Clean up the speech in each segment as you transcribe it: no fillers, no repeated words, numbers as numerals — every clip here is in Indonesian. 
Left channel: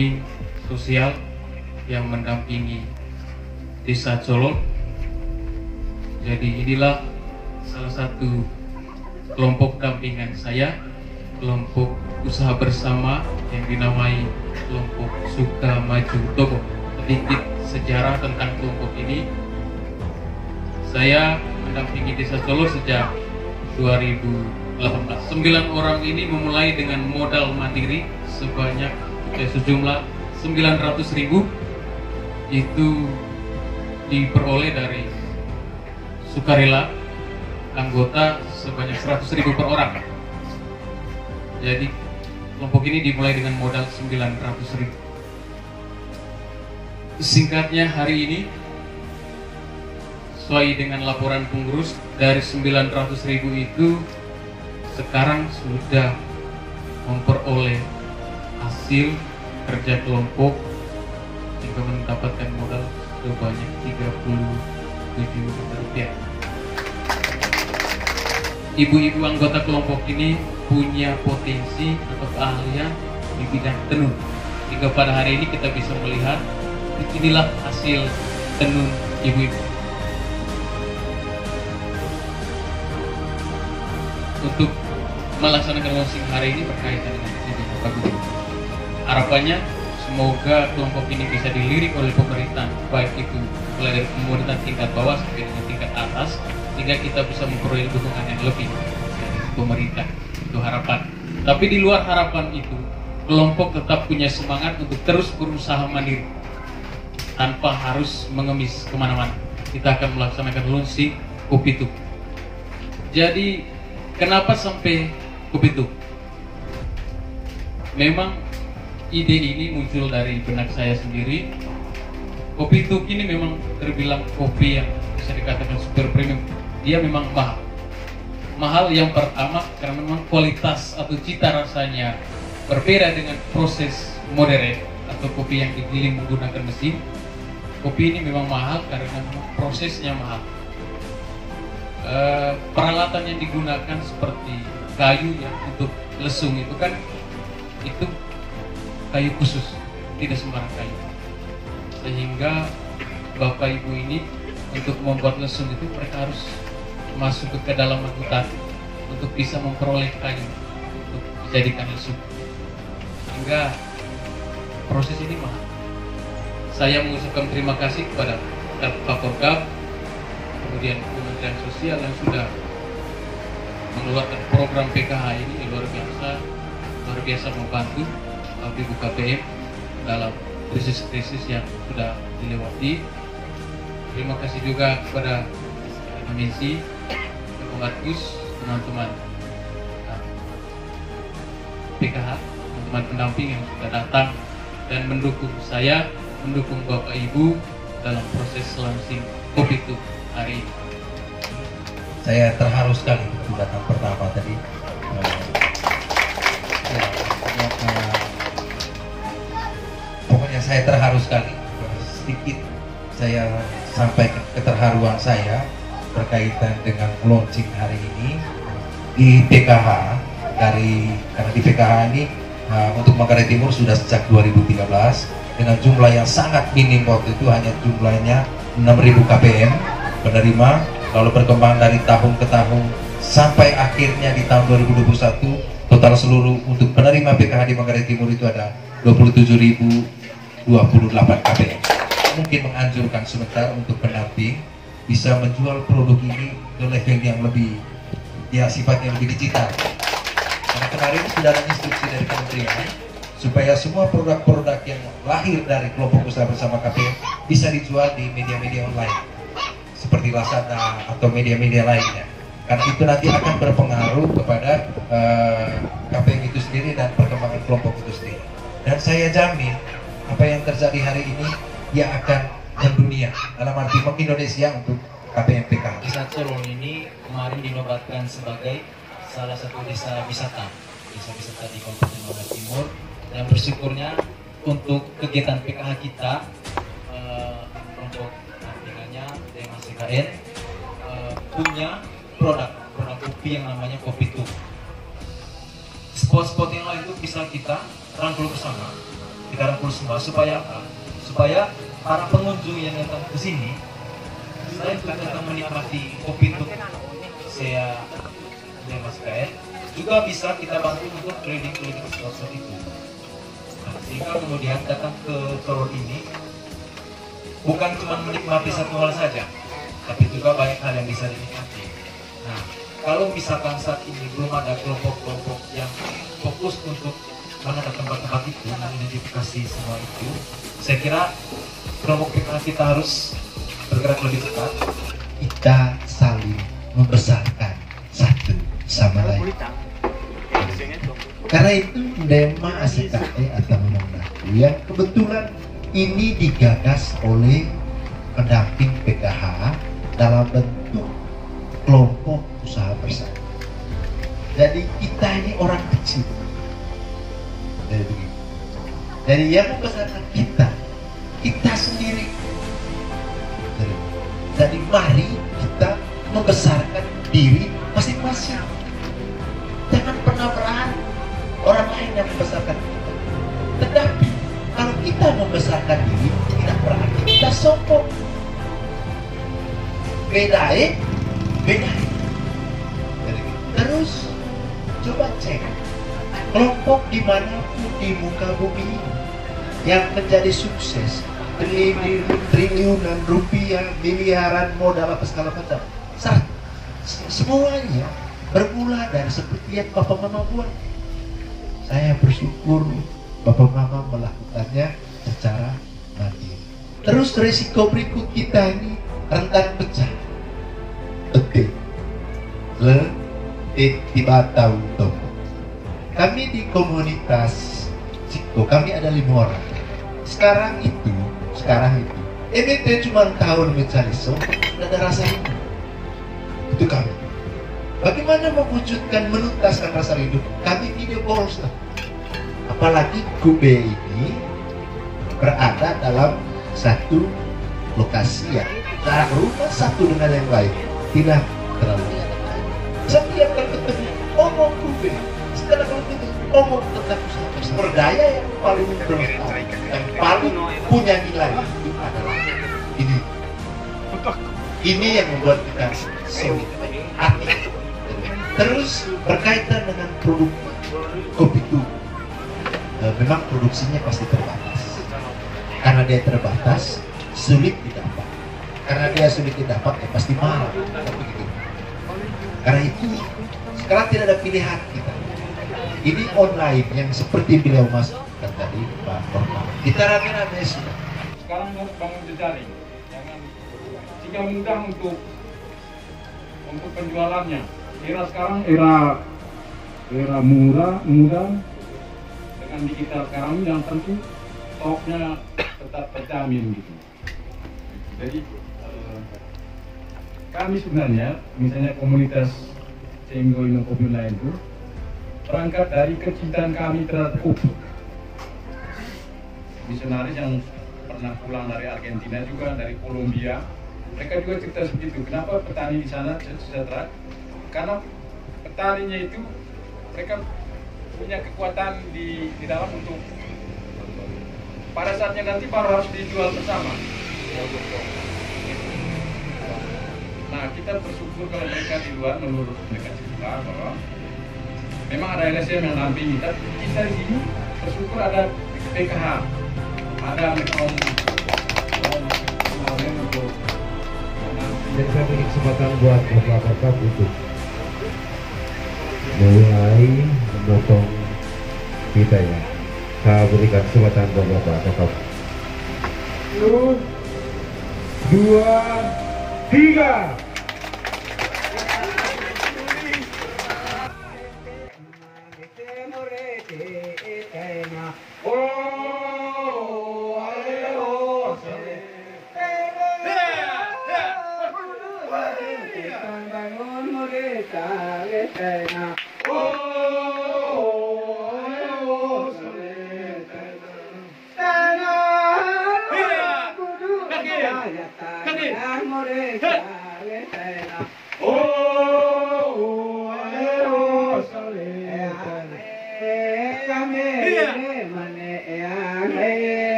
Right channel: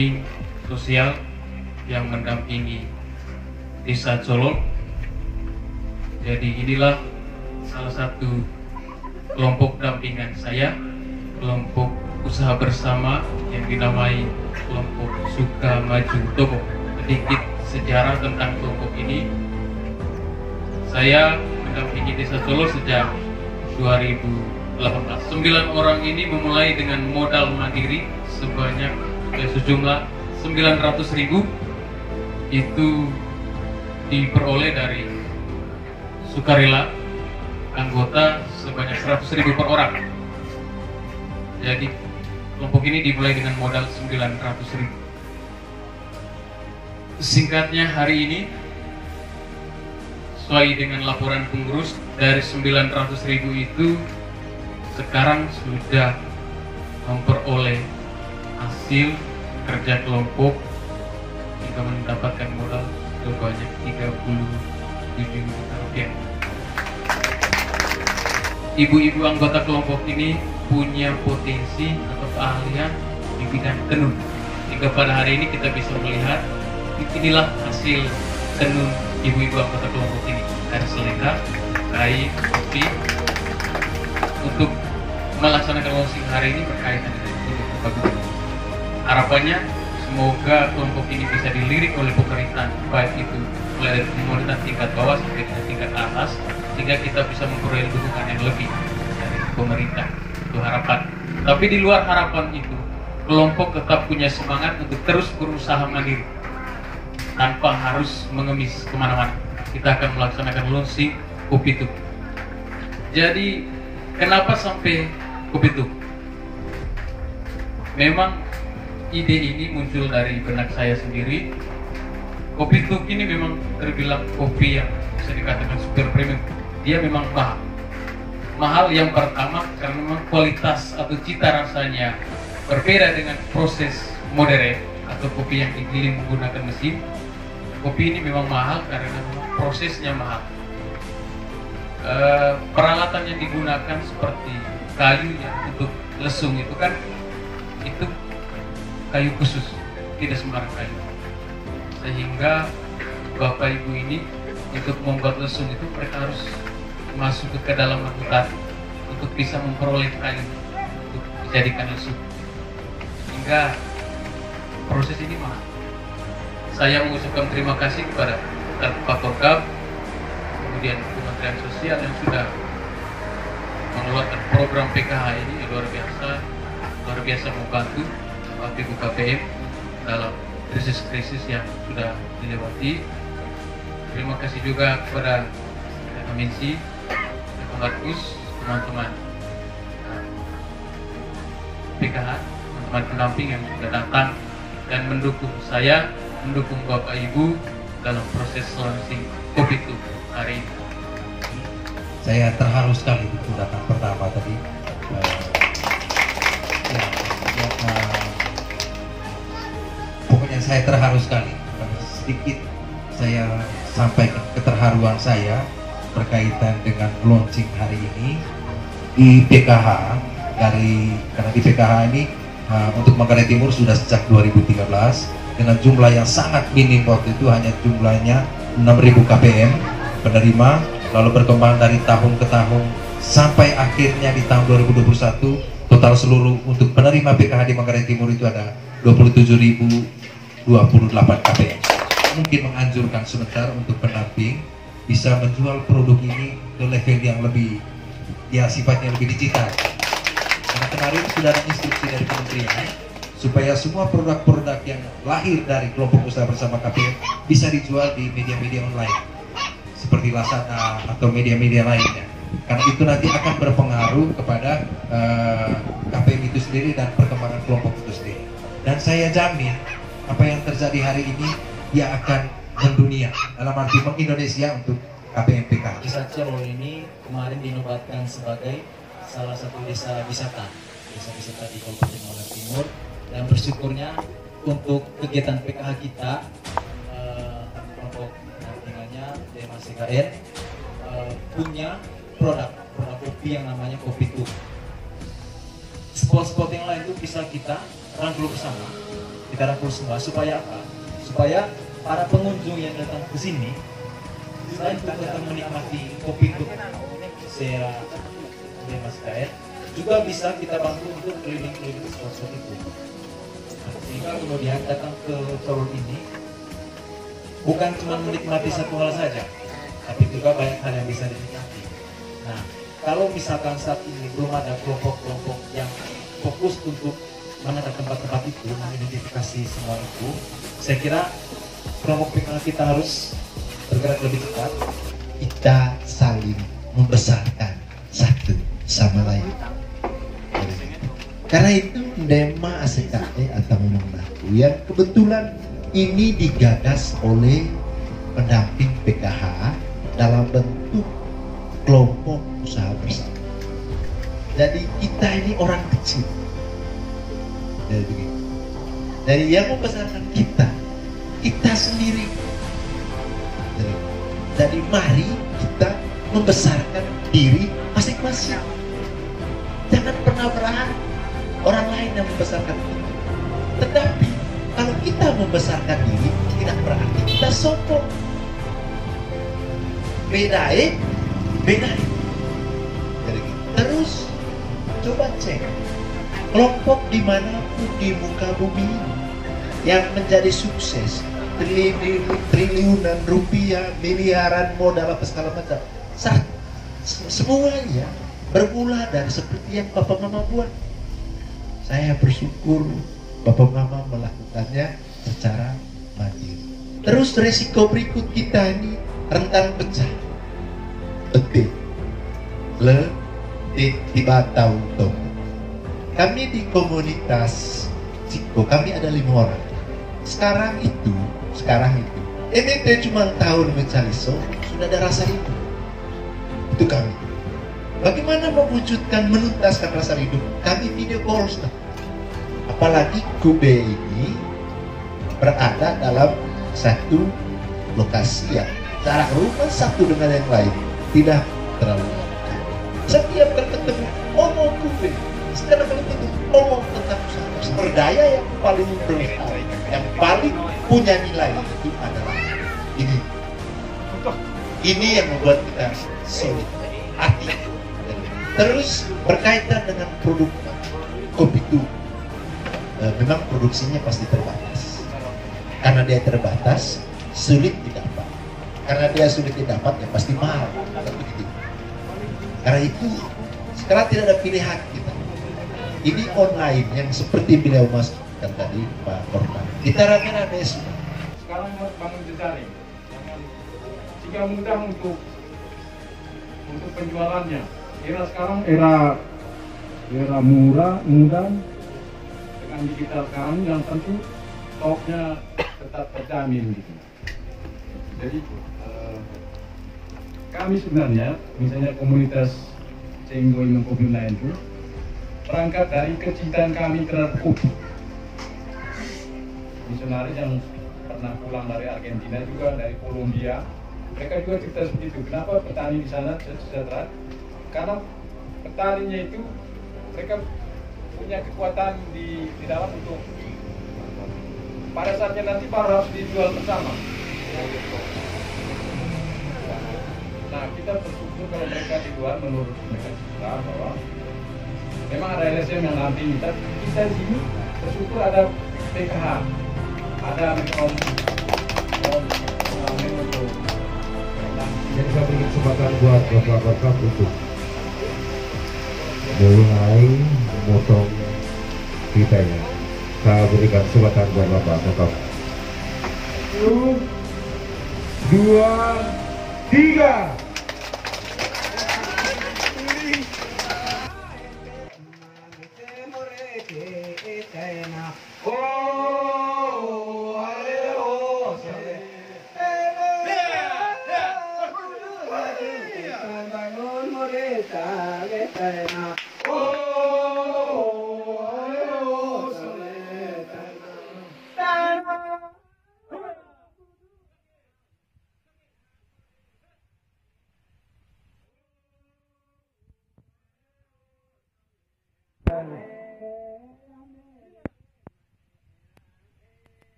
pendamping sosial yang mendampingi Desa Colok. Jadi inilah salah satu kelompok dampingan saya, kelompok usaha bersama yang dinamai kelompok Sukamaju Togo. Sedikit sejarah tentang kelompok ini. Saya mendampingi Desa Colok sejak 2018. 9 orang ini memulai dengan modal mandiri sebanyak sejumlah 900.000, itu diperoleh dari sukarela anggota sebanyak 100.000 per orang. Jadi kelompok ini dimulai dengan modal 900.000. Singkatnya, hari ini sesuai dengan laporan pengurus, dari 900.000 itu sekarang sudah memperoleh hasil kerja kelompok hingga mendapatkan modal sebanyak 37 juta rupiah. Ibu-ibu anggota kelompok ini punya potensi atau keahlian di bidang tenun, hingga pada hari ini kita bisa melihat inilah hasil tenun ibu-ibu anggota kelompok ini. Dari selera, kain, kopi. Untuk melaksanakan launching hari ini berkaitan dengan produk. Harapannya semoga kelompok ini bisa dilirik oleh pemerintah, baik itu mulai dari pemerintah tingkat bawah sampai dengan tingkat atas, sehingga kita bisa memperoleh dukungan yang lebih dari pemerintah. Itu harapan. Tapi di luar harapan itu, kelompok tetap punya semangat untuk terus berusaha mandiri tanpa harus mengemis kemana-mana. Kita akan melaksanakan launching Kopi Tuk. Jadi kenapa sampai Kopi Tuk? Memang ide ini muncul dari benak saya sendiri. Kopi Tuk ini memang terbilang kopi yang bisa dikatakan super premium. Dia memang mahal. Mahal yang pertama karena memang kualitas atau cita rasanya berbeda dengan proses modern atau kopi yang digiling menggunakan mesin. Kopi ini memang mahal karena memang prosesnya mahal. Peralatan yang digunakan seperti kayu yang untuk lesung itu kan, itu kayu khusus, tidak sembarang kayu. Sehingga bapak ibu ini untuk membuat lesung itu mereka harus masuk ke dalam hutan untuk bisa memperoleh kayu untuk dijadikan lesung. Sehingga proses ini mahal. Saya mengucapkan terima kasih kepada Pak Porkab, kemudian Kementerian Sosial yang sudah mengeluarkan program PKH ini yang luar biasa membantu Ibu KPM dalam krisis-krisis yang sudah dilewati. Terima kasih juga kepada Komisi, Markus, teman-teman PKH, teman-teman pendamping yang sudah datang dan mendukung saya, mendukung Bapak Ibu dalam proses launching Kopi Tuk hari ini. Saya terharu sekali waktu datang pertama tadi. Pokoknya saya terharu sekali. Sedikit saya sampaikan keterharuan saya berkaitan dengan launching hari ini di PKH. Karena di PKH ini untuk Manggarai Timur sudah sejak 2013 dengan jumlah yang sangat minim, waktu itu hanya jumlahnya 6.000 KPM penerima, lalu berkembang dari tahun ke tahun sampai akhirnya di tahun 2021 total seluruh untuk penerima PKH di Manggarai Timur itu ada 27.028 KPM. Mungkin menganjurkan sebentar untuk pendamping bisa menjual produk ini ke level yang lebih, ya sifatnya lebih digital. Karena kemarin sudah ada instruksi dari kementerian supaya semua produk-produk yang lahir dari kelompok usaha bersama KPM bisa dijual di media-media online seperti Lazada atau media-media lainnya. Karena itu nanti akan berpengaruh kepada KPM itu sendiri dan perkembangan kelompok itu sendiri. Dan saya jamin apa yang terjadi hari ini dia akan mendunia, dalam arti Indonesia untuk KPM PKH. Desa Colok ini kemarin dinobatkan sebagai salah satu desa wisata di Kabupaten Manggarai Timur, dan bersyukurnya untuk kegiatan PKH kita kelompok dampingannya DMACKN punya produk kopi yang namanya Kopi Tuk. Spot-spot yang lain itu bisa kita rangkul bersama digarapul semua. Supaya apa? Supaya para pengunjung yang datang ke sini selain untuk datang menikmati kopi untuk saya Mas Kaet, juga bisa kita bantu untuk keliling-keliling spot itu. Sehingga kemudian datang ke Color ini bukan cuma menikmati satu hal saja, tapi juga banyak hal yang bisa dinikmati. Nah, kalau misalkan saat ini belum ada kelompok-kelompok yang fokus untuk menghadap tempat-tempat itu, mengidentifikasi semua itu, saya kira kelompok kita harus bergerak lebih cepat. Kita saling membesarkan satu sama lain. Karena itu Dema ACKE atau Mendaku yang kebetulan ini digagas oleh pendamping PKH dalam bentuk kelompok usaha bersama. Jadi kita ini orang kecil. Dari begitu. Dari yang membesarkan kita sendiri. Jadi mari kita membesarkan diri masing-masing. Jangan pernah berharap orang lain yang membesarkan kita. Tetapi kalau kita membesarkan diri, tidak berarti kita sombong. Bedain. Terus coba cek kelompok dimanapun di muka bumi yang menjadi sukses, triliunan rupiah, miliaran modal apa segala macam, semuanya bermula dari seperti yang Bapak Mama buat. Saya bersyukur Bapak Mama melakukannya secara mandiri. Terus resiko berikut kita ini rentan pecah. Betul. Tiba tahu toko. Kami di komunitas Ciko, kami ada 5 orang. Sekarang itu ini cuma tahun mencari sudah ada rasa itu kami. Bagaimana mewujudkan menuntaskan rasa hidup? Kami video call. Apalagi Kube ini berada dalam satu lokasi yang jarak rumah satu dengan yang lain tidak terlalu dekat. Setiap kali ketemu ngomong Kube, setelah kali ketemu ngomong tentang sumber daya yang paling bermanfaat dan paling punya nilai itu adalah ini. Ini yang membuat kita solid hati. Terus berkaitan dengan produk kopi itu, memang produksinya pasti terbatas. Karena dia terbatas, sulit didapat. Karena dia sulit didapat, ya pasti mahal. Begitu. Karena itu, sekarang tidak ada pilihan kita. Ini online yang seperti beliau masukkan tadi, Pak Korban. Kita rame-rame semua. Sekarang harus bangun jejaring. Jika mudah untuk penjualannya. Era sekarang era mudah dengan digital sekarang yang tentu stoknya tetap terjamin gitu. Jadi kami sebenarnya misalnya komunitas Cenggo Imam Kopi lain itu berangkat dari kecintaan kami terhadap kopi. Misionaris yang pernah pulang dari Argentina juga, dari Kolombia, mereka juga cerita seperti itu. Kenapa petani di sana sejahtera? Karena petaninya itu mereka punya kekuatan di dalam untuk pada saatnya nanti baru harus dijual bersama. Nah, kita bersyukur kalau mereka di luar menurut mereka cerita bahwa memang ada LSM yang nampingi, tapi kita di sini bersyukur ada PKH, ada untuk dan saya beri kesempatan buat Bapak untuk mulai memotong kita ya. Saya berikan kesempatan buat Bapak tetap 1, 2, 3.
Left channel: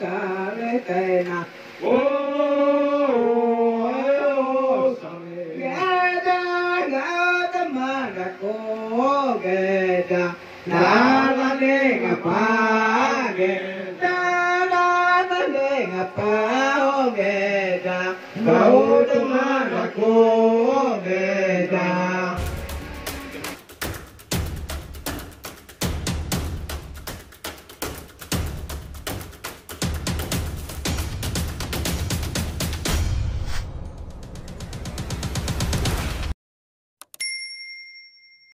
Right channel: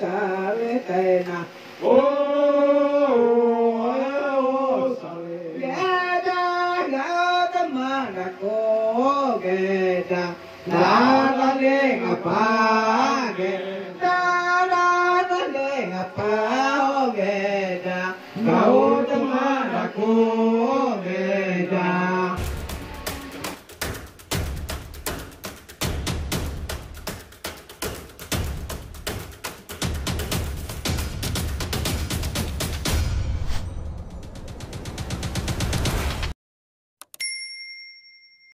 sare tena o sare geda gada mana ko geda nada ne ngapa geda nada ne ngapa o geda